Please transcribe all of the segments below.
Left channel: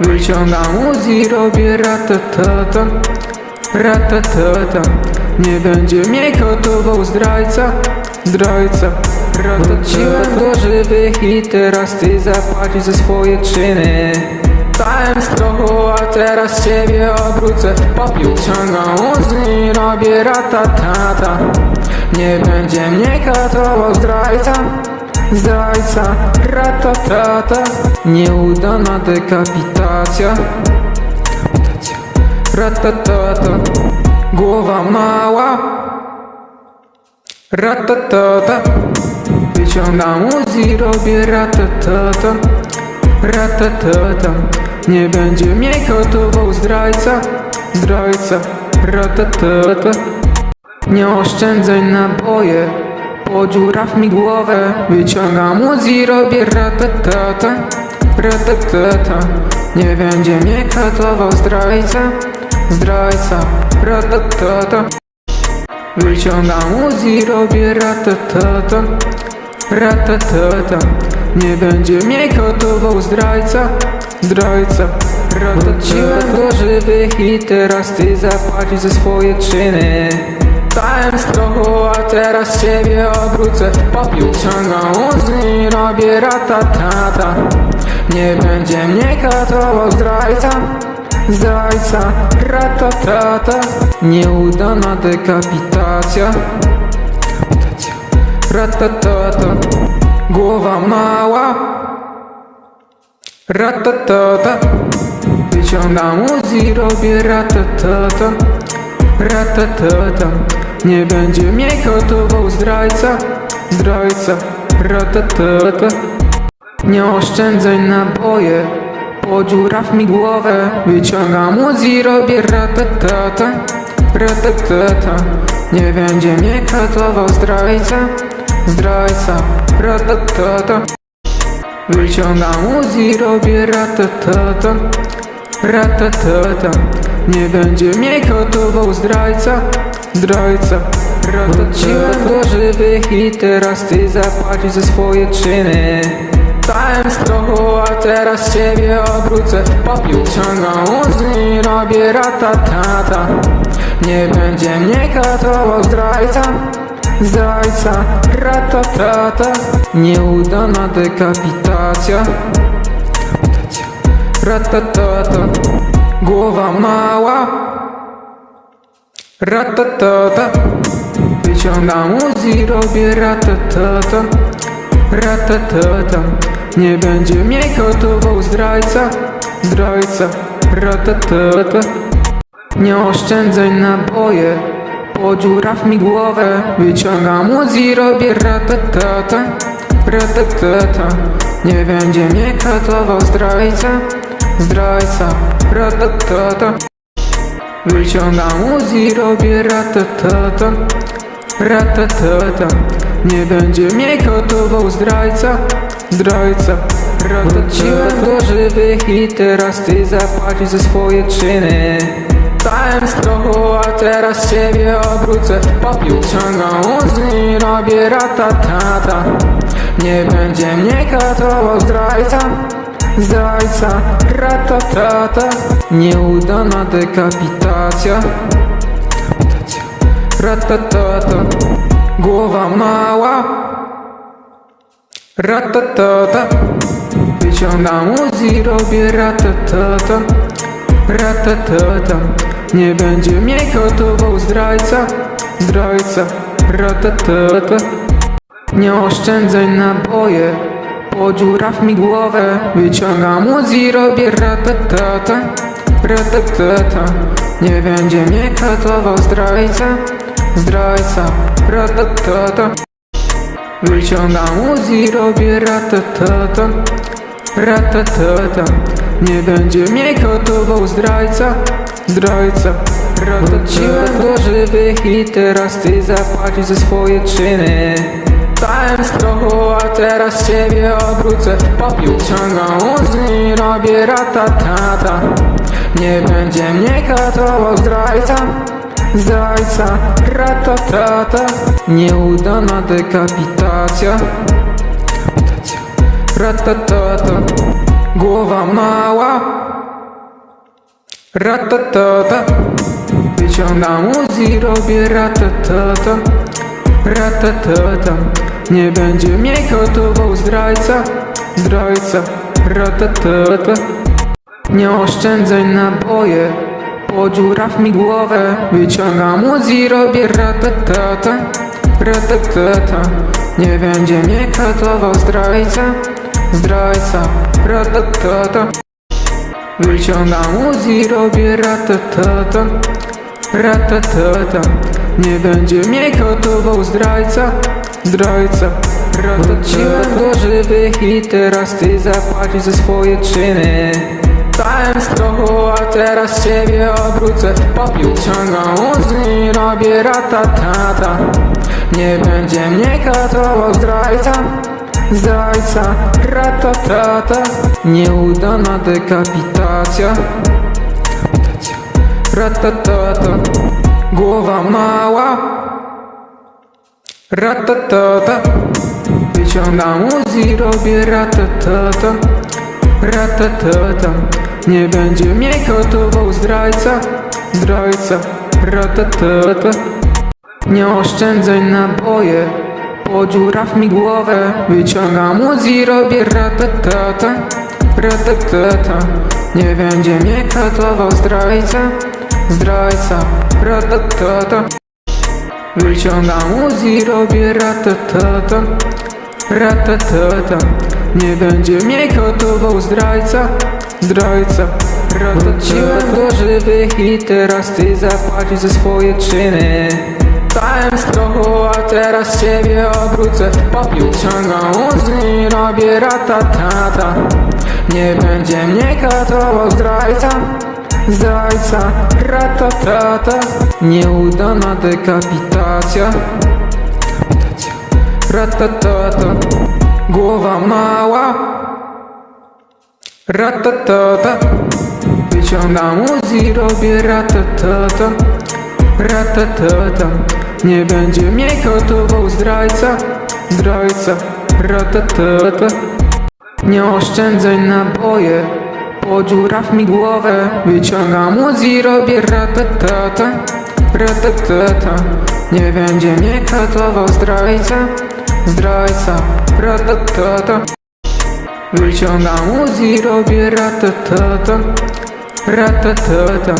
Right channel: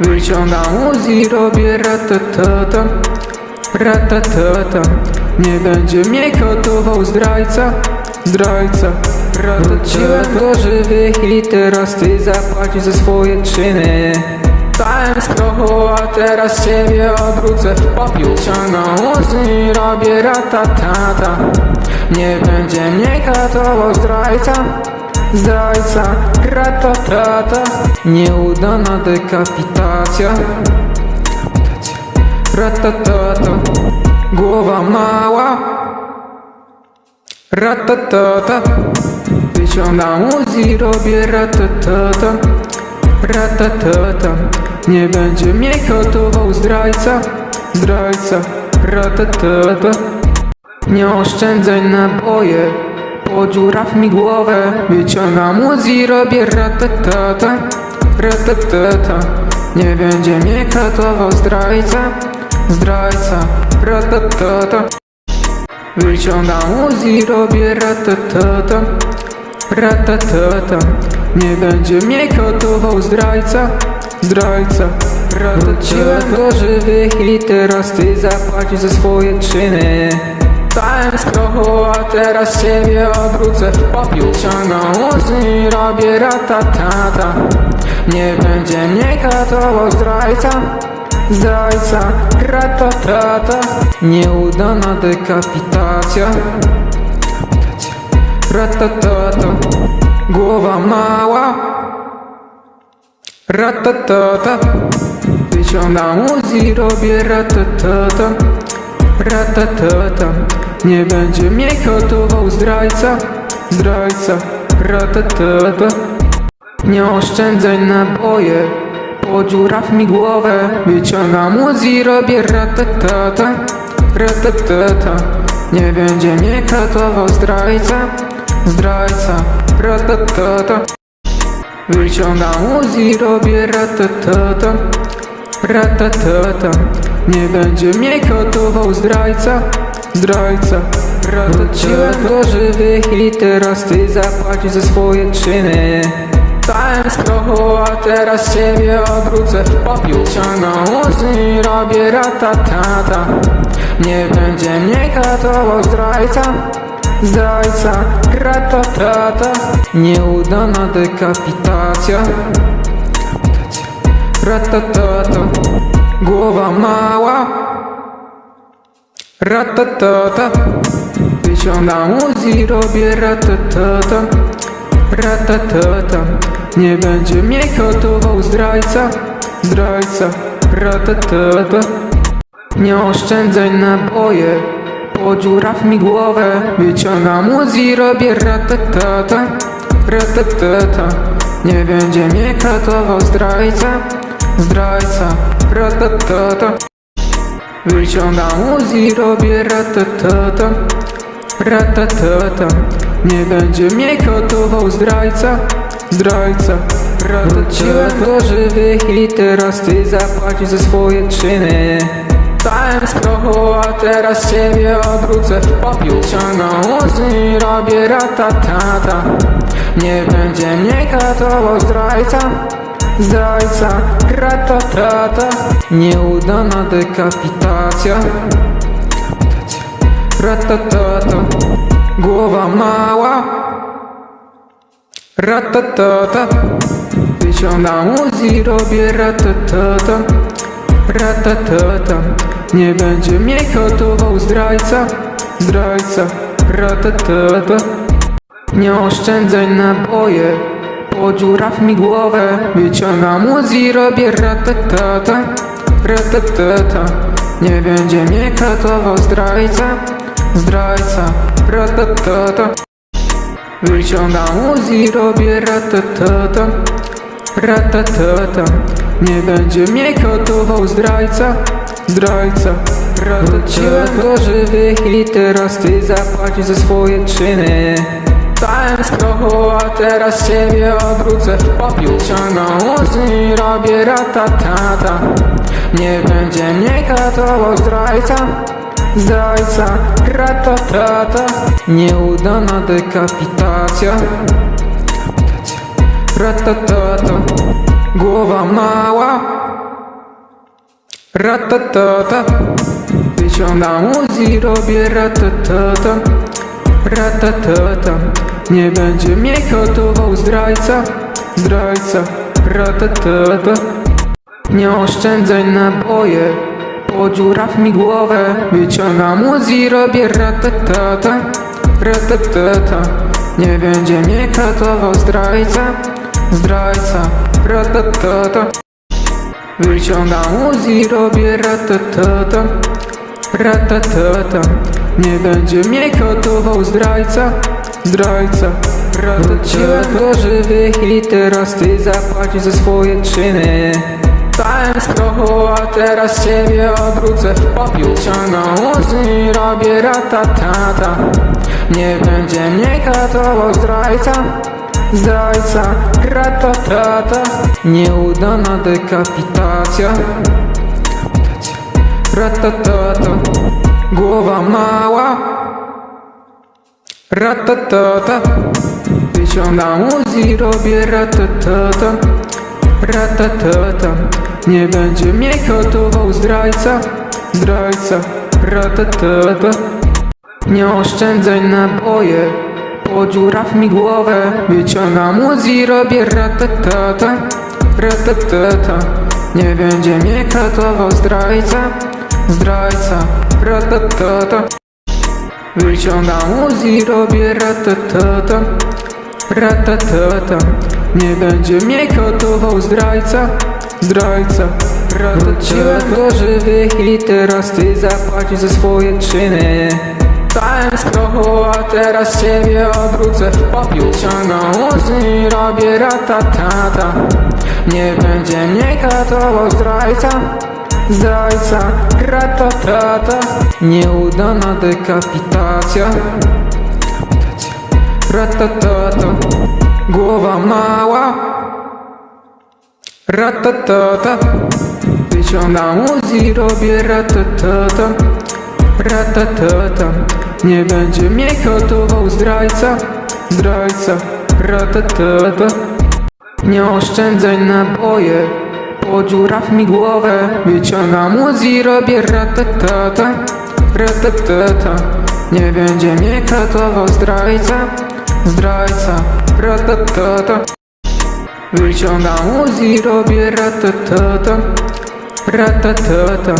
Wyciągam Uzi, robię ratatata Ratatata Nie będzie mnie gotował zdrajca Zdrajca. Wróciłem do żywych i teraz ty zapłacisz za swoje czyny. Stałem z tobą, a teraz ciebie odwrócę. Wyciągam Uzi, robię ratatata Nie będzie mnie gotował zdrajca Zdrajca Ratatata Nieudana dekapitacja. Ratatata Głowa mała. Ratatata Wyciągam Uzi, robię ratatata Ratatata Nie będzie mnie gotował zdrajca. Zdrajca. Ratatata Nie oszczędzaj naboje Podziuraw mi głowę. Wyciągam Uzi, robię ratatata Ratatata. Nie będzie mnie katował zdrajca Zdrajca Ratatata. Wyciągam Uzi, robię ratatata Ratatata. Nie będzie mnie gotował zdrajca Zdrajca Wróciłem do żywych i teraz ty zapłacisz za swoje czyny Stałem z tobą, a teraz ciebie odwrócę Wyciągam Uzi, robię ratatata Nie będzie mnie katował zdrajca. Zdrajca Ratatata Nieudana dekapitacja. Ratatata Głowa mała. Ratatata Wyciągam Uzi, robię ratatata Ratatata Nie będzie mnie gotował zdrajca Zdrajca Ratatata Nie oszczędzaj naboje Podziuraw mi głowę Wyciągam Uzi, robię ratatata Ratatata Nie będzie mnie katował zdrajca Zdrajca Ratatata Wyciągam Uzi, robię ratatata Ratatata Nie będzie mnie gotował zdrajca Zdrajca Wróciłem do żywych i teraz ty zapłacisz za swoje czyny. Stałem z a teraz ciebie odwrócę Wyciągam Uzi, robię ratatata Nie będzie mnie katował zdrajca Zdrajca Ratatata Nieudana dekapitacja. Ratatata Głowa mała Ratatata. Wyciągam Uzi, robię ratatata. Ratatata. Nie będzie mnie gotował zdrajca. Zdrajca. Ratatata. Nie oszczędzaj naboje Podziuraw mi głowę. Wyciągam Uzi, robię ratatata. Ratatata. Nie będzie mnie katował zdrajca. Zdrajca. Ratatata Wyciągam Uzi, robię ratatata Ratatata Nie będzie mnie gotował zdrajca Zdrajca. Wróciłem do żywych i teraz ty zapłacisz za swoje czyny. Stałem z a teraz ciebie odwrócę. Wyciągam Ratatata Nieudana dekapitacja. Ratatata Głowa mała. Ratatata Wyciągam Uzi, robię. Ratatata Ratatata Nie będzie mnie gotował zdrajca Zdrajca. Ratatata Nie oszczędzaj naboje Podziuraw mi głowę Wyciągam Uzi, robię ratatata Ratatata Nie będzie mnie katował zdrajca Zdrajca Ratatata Wyciągam Uzi, robię ratatata Ratatata Nie będzie mnie gotował zdrajca Zdrajca. Wróciłem do żywych i teraz ty zapłacisz za swoje czyny Stałem z tobą, a teraz ciebie odwrócę Wyciągam Uzi, robię ratatata. Nie będzie mnie katował zdrajca. Zdrajca Ratatata. Nieudana dekapitacja. Ratatata. Głowa mała. Ratatata. Wyciągam Uzi, robię ratatata. Ratatata Nie będzie mnie gotował zdrajca Zdrajca Ratatata. Nie oszczędzaj naboje Podziuraw mi głowę. Wyciągam Uzi, robię ratatata Ratatata. Nie będzie mnie gotował zdrajca Zdrajca Ratatata. Wyciągam Uzi, robię ratatata Ratatata. Nie będzie mnie gotował zdrajca Zdrajca Ratatata żywych i teraz ty zapłacisz za swoje czyny. Stałem z a teraz ciebie odwrócę. Wyciągam Uzi, robię ratatata Nie będzie mnie gotował zdrajca. Zdrajca Ratatata Nieudana dekapitacja. Ratatata Głowa mała Ratatata. Wyciągam Uzi, robię ratatata. Ratatata. Nie będzie mnie gotował zdrajca. Zdrajca Ratatata. Nie oszczędzaj naboje Podziuraw mi głowę. Wyciągam Uzi, robię ratatata. Ratatata. Nie będzie mnie katował zdrajca. Zdrajca Ratatata Wyciągam Uzi, robię ratatata Ratatata Nie będzie mnie gotował zdrajca Zdrajca. Ratatata żywych i teraz ty zapłacisz za swoje czyny. Stałem z tobą, a teraz ciebie odwrócę. Wyciągam Uzi, robię ratatata Nie będzie mnie gotował zdrajca Zdrajca Ratatata Nieudana dekapitacja. Ratatata Głowa mała. Ratatata Wyciągam Uzi, robię. Ratatata Ratatata Nie będzie mnie gotował zdrajca Zdrajca. Ratatata Nie oszczędzaj naboje Podziuraw mi głowę. Wyciągam Uzi, robię ratatata Ratatata Nie będzie mnie gotował zdrajca Zdrajca Ratatata Wyciągam Uzi, robię ratatata Ratatata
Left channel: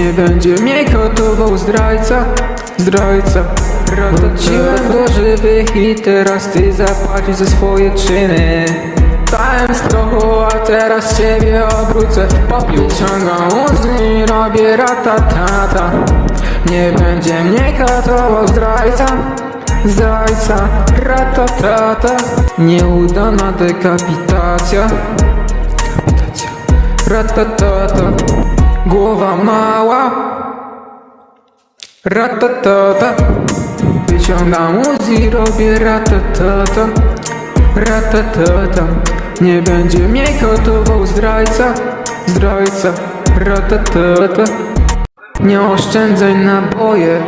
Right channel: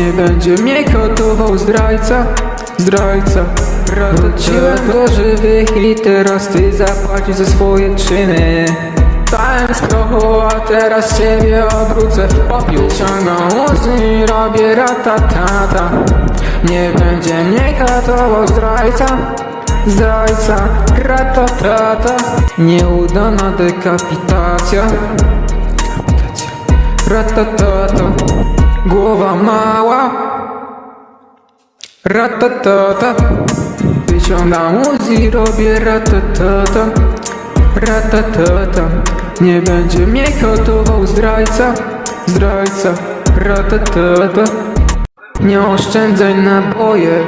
Nie będzie mnie gotował zdrajca Zdrajca. Ratatata żywych i teraz ty zapłacisz za swoje czyny Ratatata Nieudana dekapitacja. Ratatata Głowa mała. Ratatata Wyciągam Uzi, robię ratatata Ratatata Nie będzie mnie gotował zdrajca. Zdrajca Ratatata Nie oszczędzaj naboje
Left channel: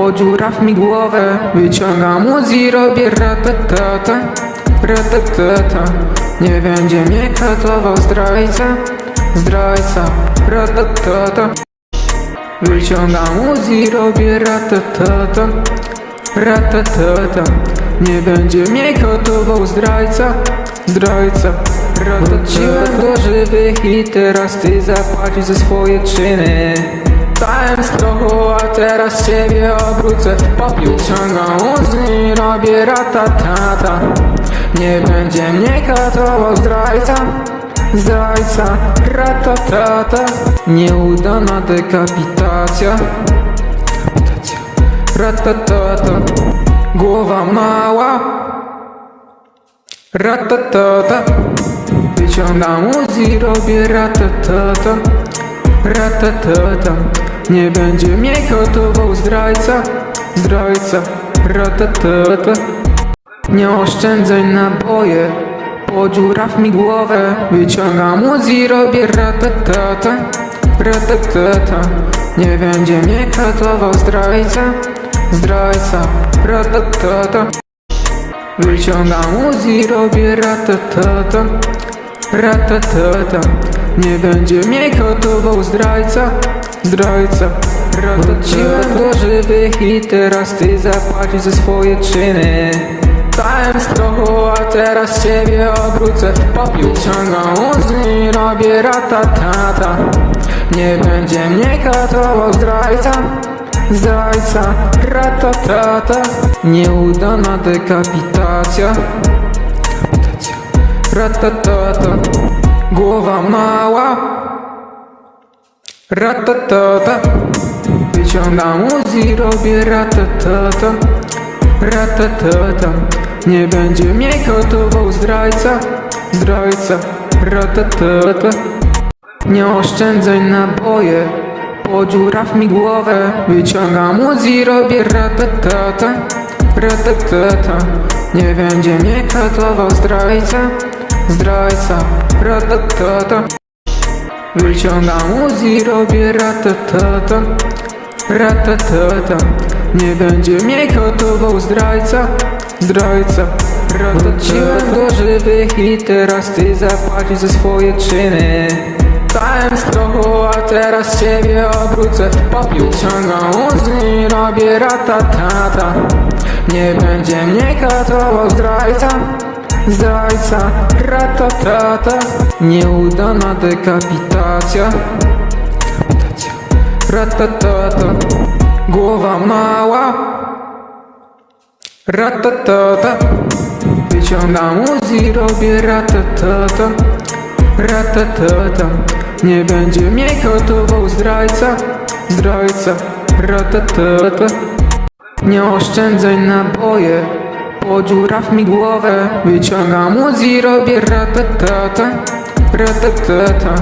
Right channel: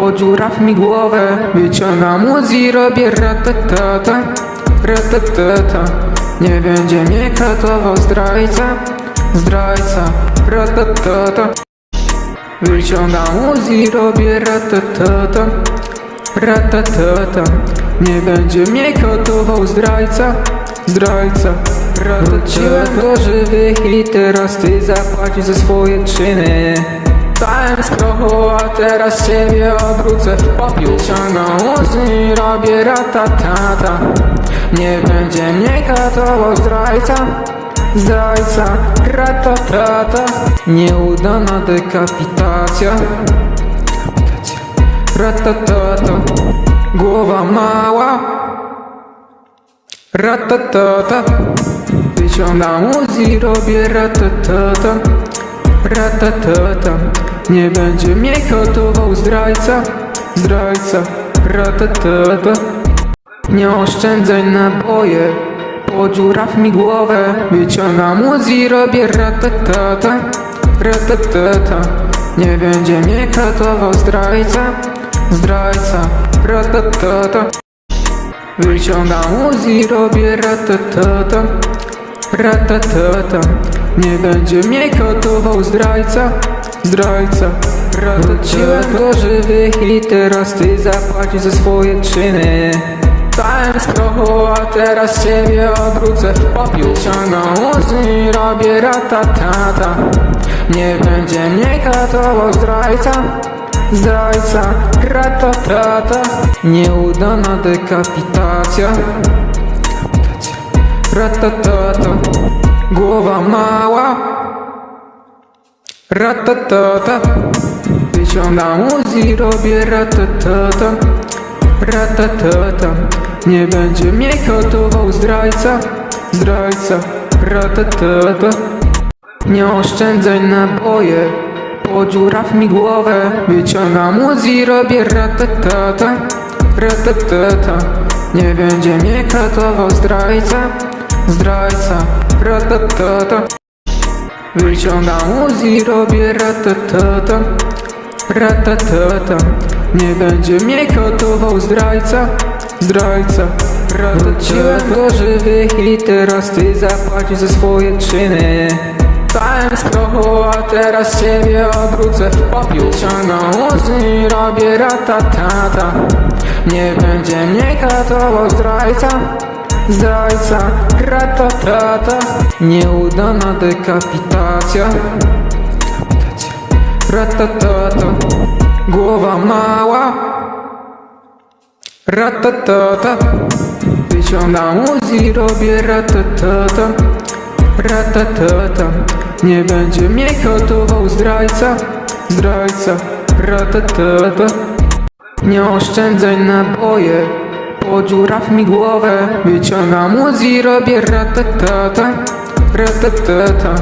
Podziuraw mi głowę Wyciągam Uzi, robię ratatata Ratatata. Nie będzie mnie gotował zdrajca Zdrajca Ratatata. Wyciągam Uzi, robię ratatata Ratatata. Nie będzie mnie gotował zdrajca. Zdrajca Ratatata żywych i teraz ty zapłacisz za swoje czyny Stałem z tobą, a teraz ciebie odwrócę Wyciągam Uzi, robię ratatata Nie będzie mnie gotował zdrajca. Zdrajca Ratatata Nieudana dekapitacja. Ratatata Głowa mała. Ratatata Wyciągam Uzi, robię ratatata Ratatata Nie będzie mnie gotował zdrajca Zdrajca Ratatata Nie oszczędzaj naboje Podziuraw mi głowę. Wyciągam Uzi, robię ratatata Ratatata Nie będzie mnie gotował zdrajca Zdrajca Ratatata Wyciągam Uzi, robię ratatata Ratatata Nie będzie mnie gotował zdrajca Zdrajca Wróciłem do żywych i teraz ty zapłacisz za swoje czyny. Stałem z a teraz ciebie odwrócę. Popiół ciągną łzy i robię ratatata Nie będzie mnie katował zdrajca. Zdrajca Ratatata Nieudana dekapitacja. Ratatata Głowa mała Ratatata. Wyciągam Uzi, robię ratatata. Ratatata. Nie będzie mnie gotował zdrajca. Zdrajca. Ratatata. Nie oszczędzaj naboje. Podziuraw mi głowę. Wyciągam Uzi, robię ratatata. Ratatata. Nie będzie mnie gotował zdrajca. Zdrajca. Ratatata Wyciągam Uzi, robię ratatata Ratatata Nie będzie mnie gotował zdrajca Zdrajca. Do żywych i teraz ty zapłacisz za swoje czyny. Stałem z tobą, a teraz ciebie odwrócę ciągną Uzi, robię ratatata Nie będzie mnie katował zdrajca Zdrajca Ratatata Nieudana dekapitacja. Ratatata Głowa mała. Ratatata Wyciągam Uzi, robię. Ratatata Ratatata Nie będzie mnie gotował zdrajca Zdrajca. Ratatata Nie oszczędzaj naboje Podziuraw mi głowę. Wyciągam Uzi, robię ratatata Ratatata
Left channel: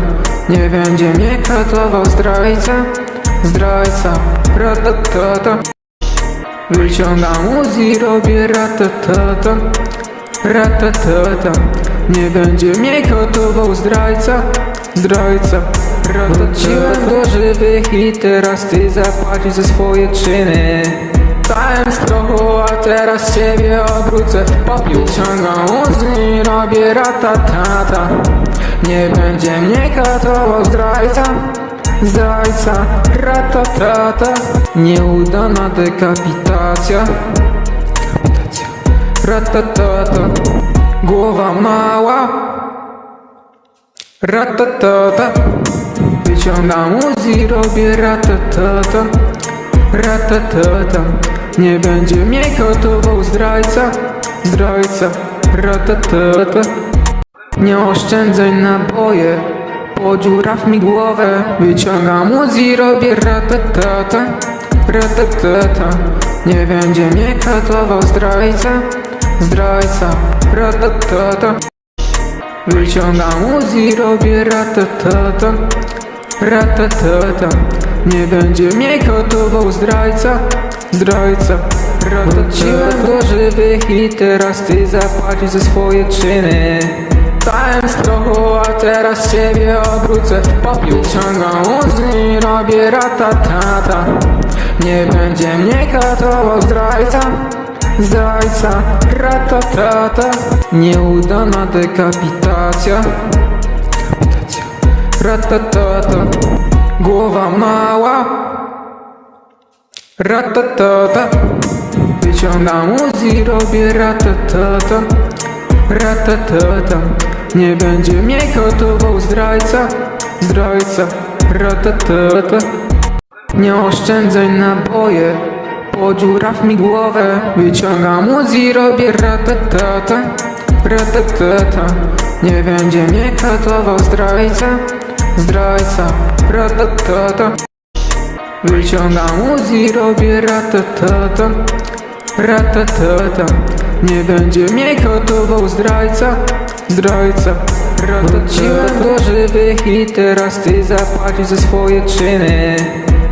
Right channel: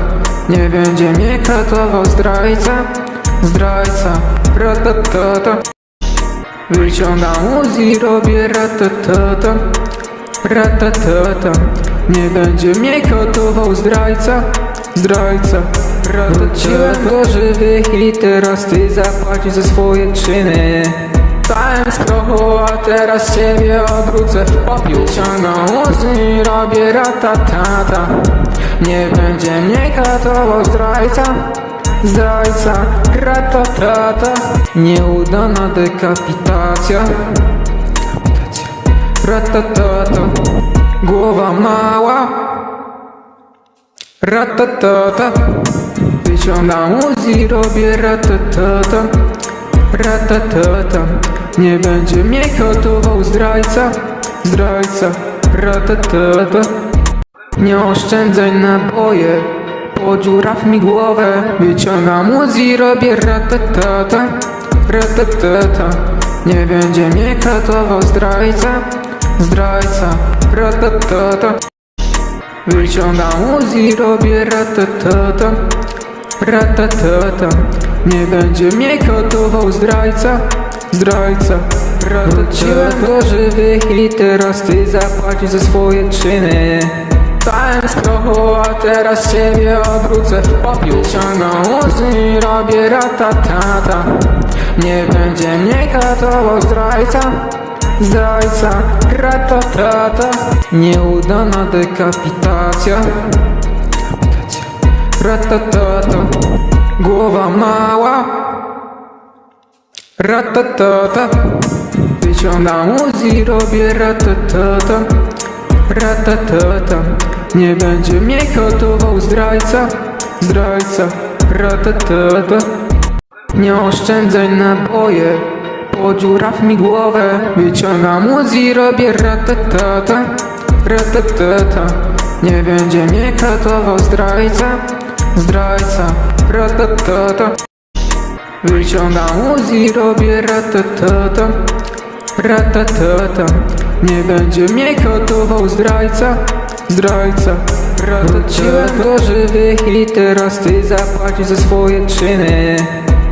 Nie będzie mnie katował zdrajca Zdrajca Ratatata Wyciągam Uzi, robię ratatata Ratatata Nie będzie mnie gotował zdrajca Zdrajca. Wróciłem do żywych i teraz ty zapłacisz za swoje czyny teraz ciebie odwrócę Popiół ciągną Uzi, robię ratatata Nie będzie mnie katował zdrajca. Zdrajca Ratatata Nieudana dekapitacja. Ratatata Głowa mała. Ratatata Wyciągam Uzi, robię ratatata Ratatata Nie będzie mnie gotował zdrajca Zdrajca. Ratatata Nie oszczędzaj naboje Podziuraw mi głowę Wyciągam Uzi, robię ratatata Ratatata Nie będzie mnie katował zdrajca Zdrajca. Ratatata Wyciągam Uzi, robię ratatata Ratatata Nie będzie mnie gotował zdrajca Zdrajca. Wróciłem do żywych i teraz ty zapłacisz za swoje czyny. Stałem z tobą, a teraz ciebie odwrócę. Popiół ciągną Uzi, robię ratatata Nie będzie mnie katował zdrajca Zdrajca Ratatata Nieudana dekapitacja Ratatata Głowa mała Ratatata Wyciągam Uzi, robię ratatata. Ratatata. Nie będzie mnie gotował zdrajca. Zdrajca. Ratatata. Nie oszczędzaj naboje Podziuraw mi głowę. Wyciągam Uzi, robię ratatata. Ratatata. Nie będzie mnie zdrajca Zdrajca Ratatata Wyciągam Uzi, robię ratatata Ratatata Nie będzie mnie gotował zdrajca. Zdrajca. Wróciłem do żywych i teraz ty zapłacisz za swoje czyny.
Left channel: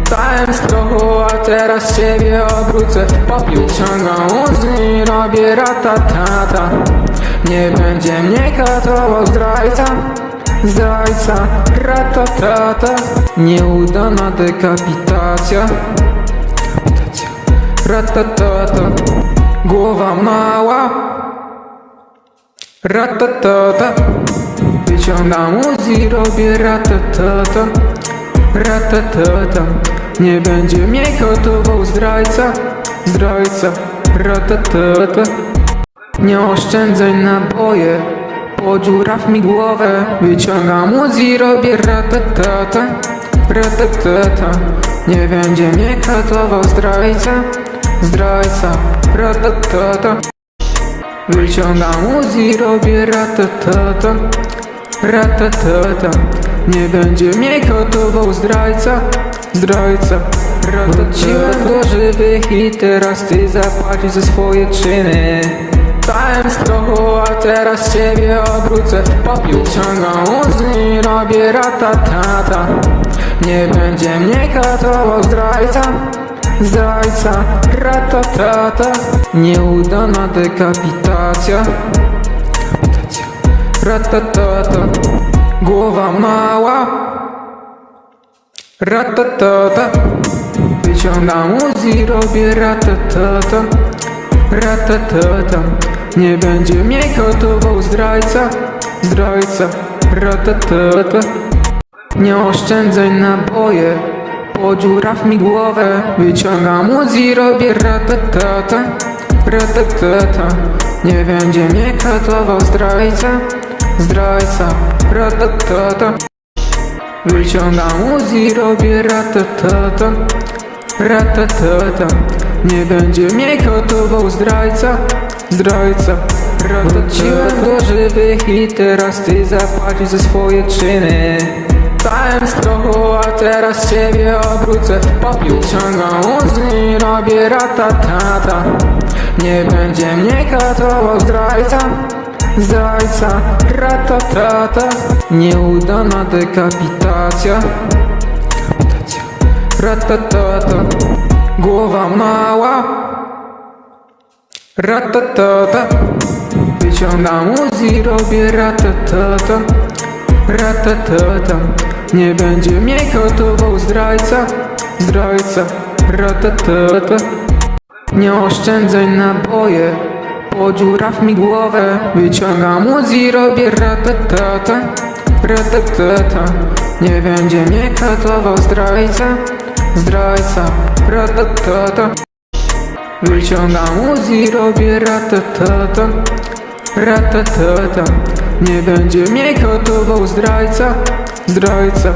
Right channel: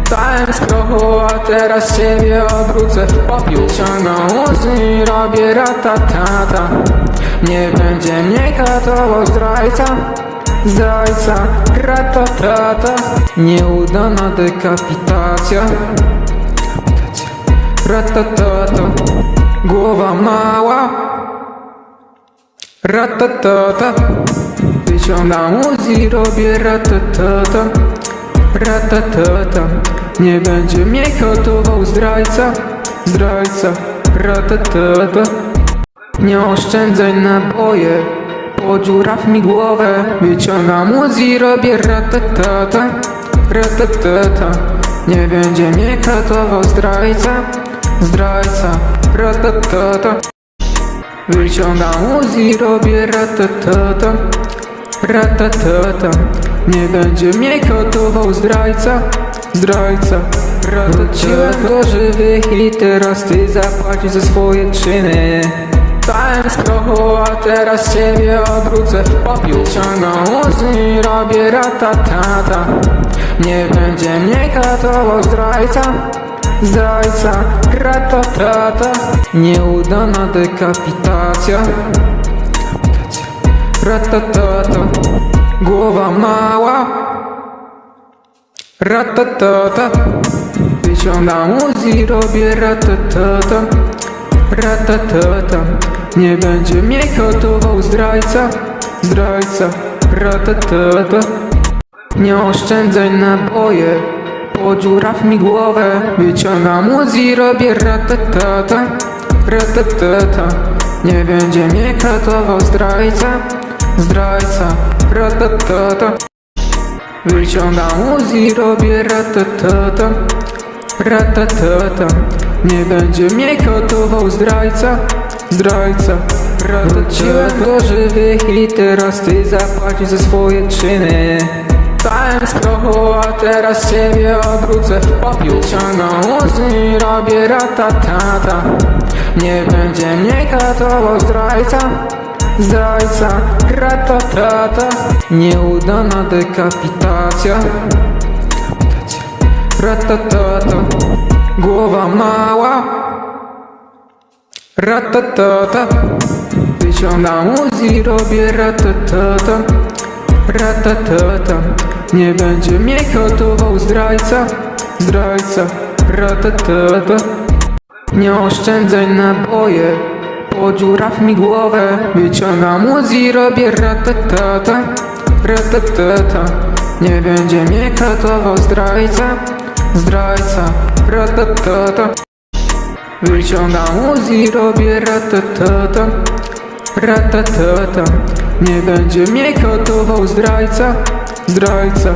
Stałem z tobą, a teraz ciebie odwrócę. Popiół ciągną Uzi, robię ratatata Nie będzie mnie katował zdrajca. Zdrajca Ratatata Nieudana dekapitacja. Ratatata Głowa mała. Ratatata Wyciągam Wyciągam Uzi, robię. Ratatata Ratatata Nie będzie mnie gotował zdrajca Zdrajca. Ratatata Nie oszczędzaj naboje Podziuraw mi głowę. Wyciągam Uzi, robię ratatata Ratatata Nie będzie mnie katował zdrajca Zdrajca Ratatata Wyciągam Uzi, robię ratatata Ratatata Nie będzie mnie gotował zdrajca Zdrajca. Wróciłem do żywych i teraz ty zapłacisz za swoje czyny Stałem z tobą, a teraz ciebie odwrócę. Popiół Ciągam Uzi, robię ratatata Nie będzie mnie gotował zdrajca Zdrajca Ratatata Nieudana dekapitacja. Ratatata Głowa mała. Ratatata Wyciągam Uzi, robię ratatata Ratatata Nie będzie mnie gotował zdrajca Zdrajca Ratatata Nie oszczędzaj naboje Podziuraw mi głowę. Wyciągam Uzi, robię ratatata Ratatata Nie będzie mnie katował zdrajca Zdrajca Ratatata Wyciągam Uzi, robię ratatata Ratatata Nie będzie mnie gotował zdrajca Zdrajca Wróciłem do żywych i teraz ty zapłacisz za swoje czyny. Z tobą, a teraz ciebie odwrócę. W popiół Ciągam Uzi, robię ratatata Nie będzie mnie katował zdrajca Zdrajca Ratatata Nieudana dekapitacja. Ratatata Głowa mała Ratatata. Wyciągam Uzi, robię ratatata. Ratatata. Nie będzie mnie gotował zdrajca Zdrajca. Ratatata. Nie oszczędzaj naboje Podziuraw mi głowę. Wyciągam Uzi, robię ratatata. Ratatata. Nie będzie mnie katował zdrajca Zdrajca. Ratatata Wyciągam Uzi, robię ratatata Ratatata Nie będzie mnie gotował zdrajca Zdrajca.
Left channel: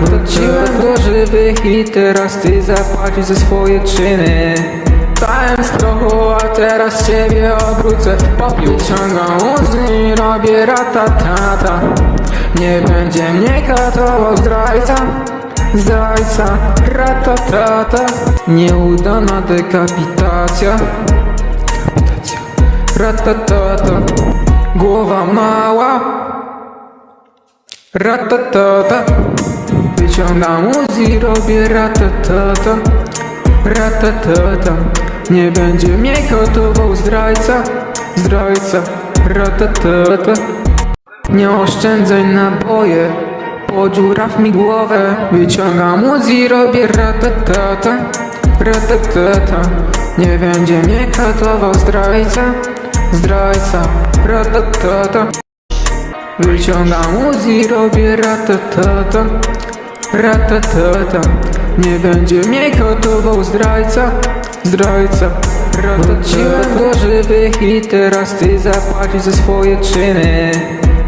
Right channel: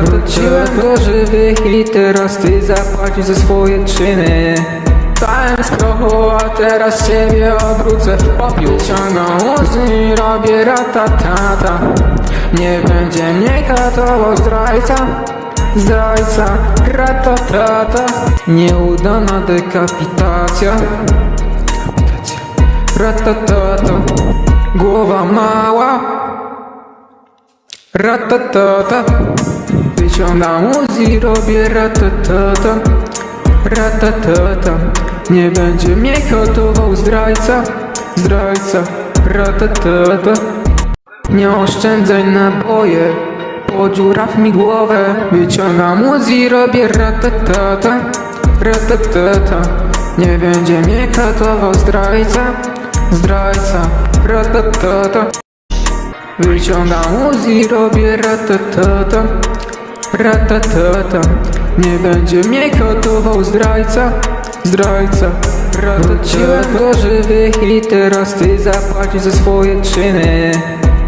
Wróciłem do żywych i teraz ty zapłacisz za swoje czyny. Stałem z a teraz ciebie odwrócę. W popiół Ciągam Uzi, robię ratatata Nie będzie mnie katował zdrajca Zdrajca Ratatata Nieudana dekapitacja. Ratatata. Głowa mała. Ratatata. Wyciągam Uzi, robię ratatata. Ratatata. Nie będzie mnie gotował zdrajca. Zdrajca. Ratatata. Nie oszczędzaj naboje Podziuraw mi głowę. Wyciągam Uzi, robię ratatata Ratatata Nie będzie mnie katował zdrajca Zdrajca Ratatata Wyciągam Uzi, robię ratatata Ratatata Nie będzie mnie gotował zdrajca Zdrajca Wróciłem do żywych i teraz ty zapłacisz za swoje czyny.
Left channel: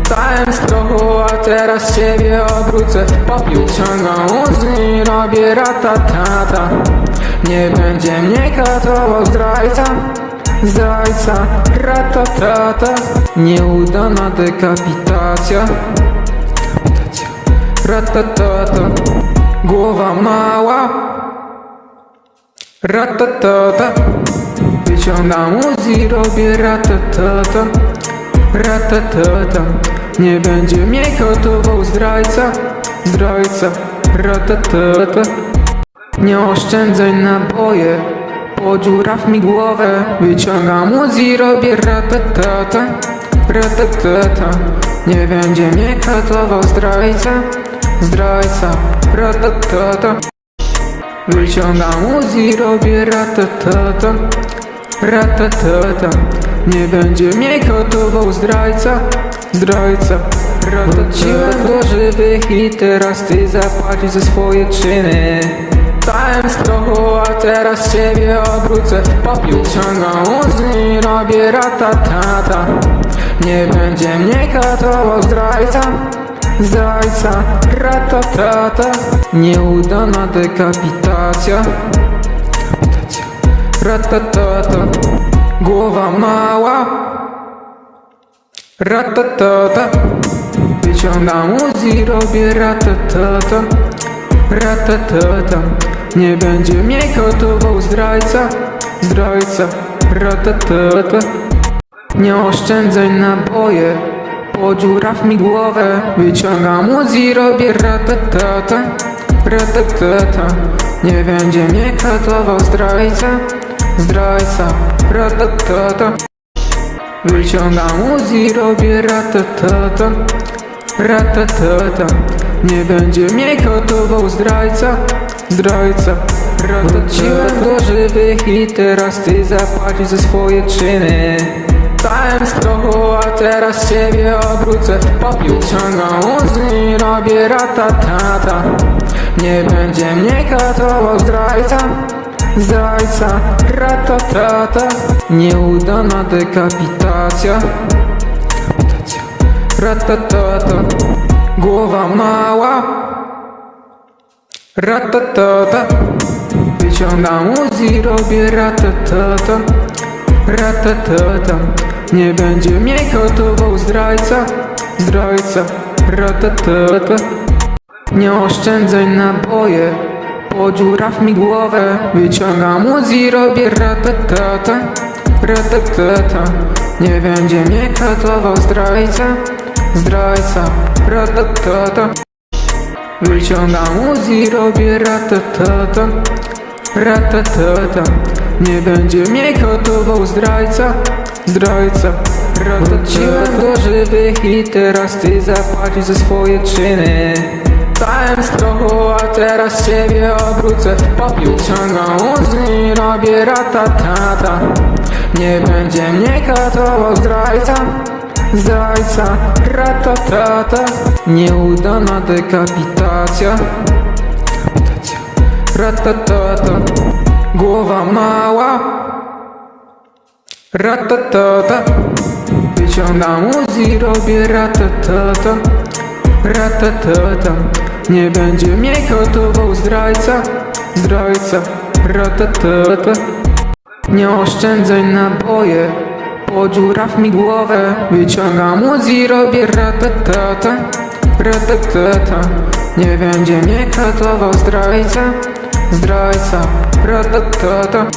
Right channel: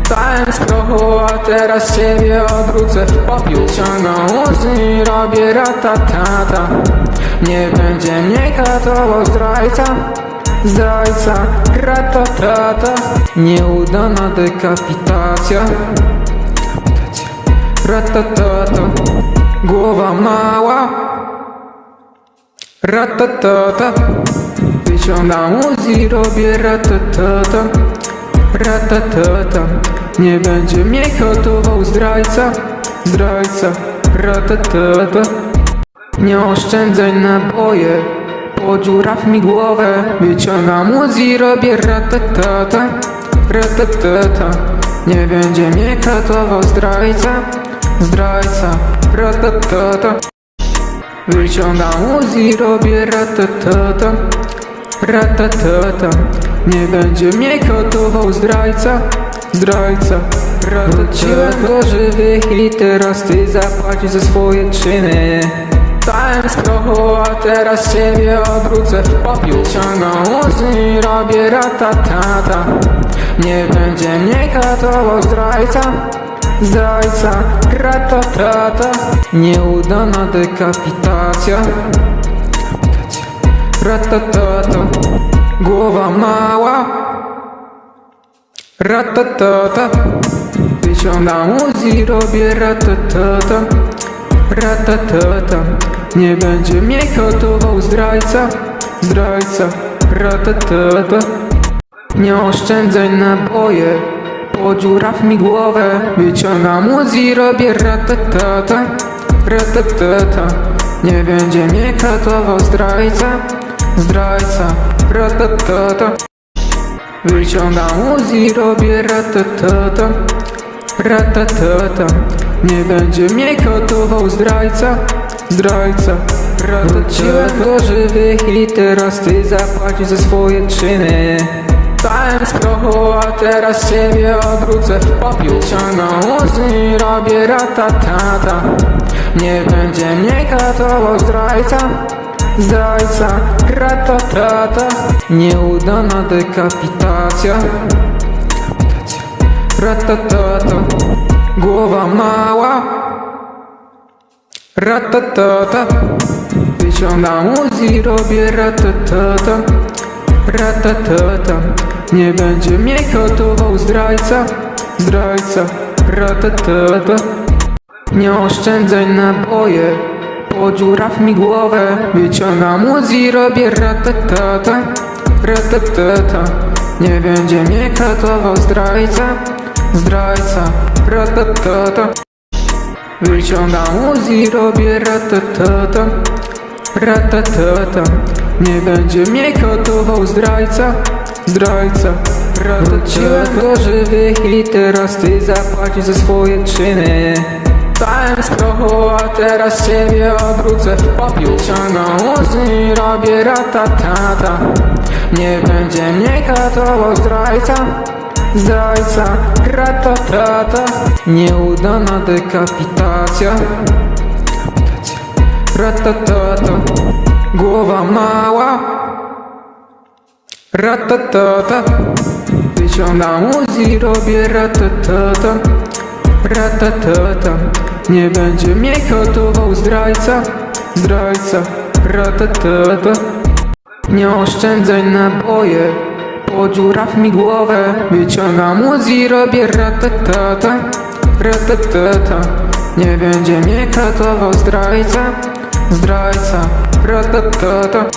Stałem z tobą, a teraz ciebie odwrócę Ciągam Uzi, robię ratatata Nie katował zdrajca Zdrajca Ratatata Nieudana dekapitacja. Ratatata Głowa mała. Ratatata Wyciągam Uzi, robię. Ratatata Ratatata Nie będzie mnie gotował zdrajca. Zdrajca Ratatata Nie oszczędzaj naboje Podziuraw mi głowę. Wyciągam Uzi, robię ratatata Ratatata Nie będzie mnie katował zdrajca Zdrajca Ratatata Wyciągam Uzi, robię ratatata Ratatata Nie będzie mnie gotował zdrajca zdrajca. Wróciłem do żywych i teraz ty zapłacisz za swoje czyny Stałem z tobą, a teraz ciebie odwrócę. Popiół ciągną łzy i robię ratatata Nie będzie mnie katował zdrajca. Zdrajca, ratatata Nieudana dekapitacja. Ratatata Głowa mała. Ratatata Wyciągam Uzi, robię ratatata Ratatata Nie będzie mnie gotował zdrajca Zdrajca Ratatata. Nie oszczędzaj naboje Podziuraw mi głowę. Wyciągam Uzi, robię ratatata Ratatata. Nie będzie mnie gotował zdrajca Zdrajca Ratatata. Wyciągam Uzi, robię ratatata Ratatata. Nie będzie mnie gotował zdrajca Zdrajca Wróciłem do żywych i teraz ty zapłacisz za swoje czyny. Stałem z a teraz ciebie odwrócę. Uzi i robię ratatata Nie będzie mnie katował zdrajca Zdrajca Ratatata Nieudana dekapitacja. Ratatata Głowa mała Ratatata. Wyciągam Uzi, robię ratatata. Ratatata. Nie będzie mnie gotował zdrajca. Zdrajca. Ratatata. Nie oszczędzaj naboje Podziuraw mi głowę. Wyciągam Uzi, robię ratatata. Ratatata. Nie będzie mnie katował zdrajca. Zdrajca. Ratatata Wyciągam Uzi, robię ratatata Ratatata Nie będzie mnie gotował zdrajca. Zdrajca. Wróciłem do żywych i teraz ty zapłacisz za swoje czyny. Stałem z a teraz ciebie odwrócę Popiół ciągną Uzi robię ratatata Nie będzie mnie katował zdrajca. Zdrajca Ratatata Nieudana dekapitacja. Ratatata Głowa mała. Ratatata Wyciągam Uzi, robię ratatata Ratatata Nie będzie mnie gotował zdrajca. Zdrajca Ratatata Nie oszczędzaj naboje Podziuraw mi głowę. Wyciągam Uzi, robię ratatata Ratatata. Nie będzie mnie katował zdrajca Zdrajca Ratatata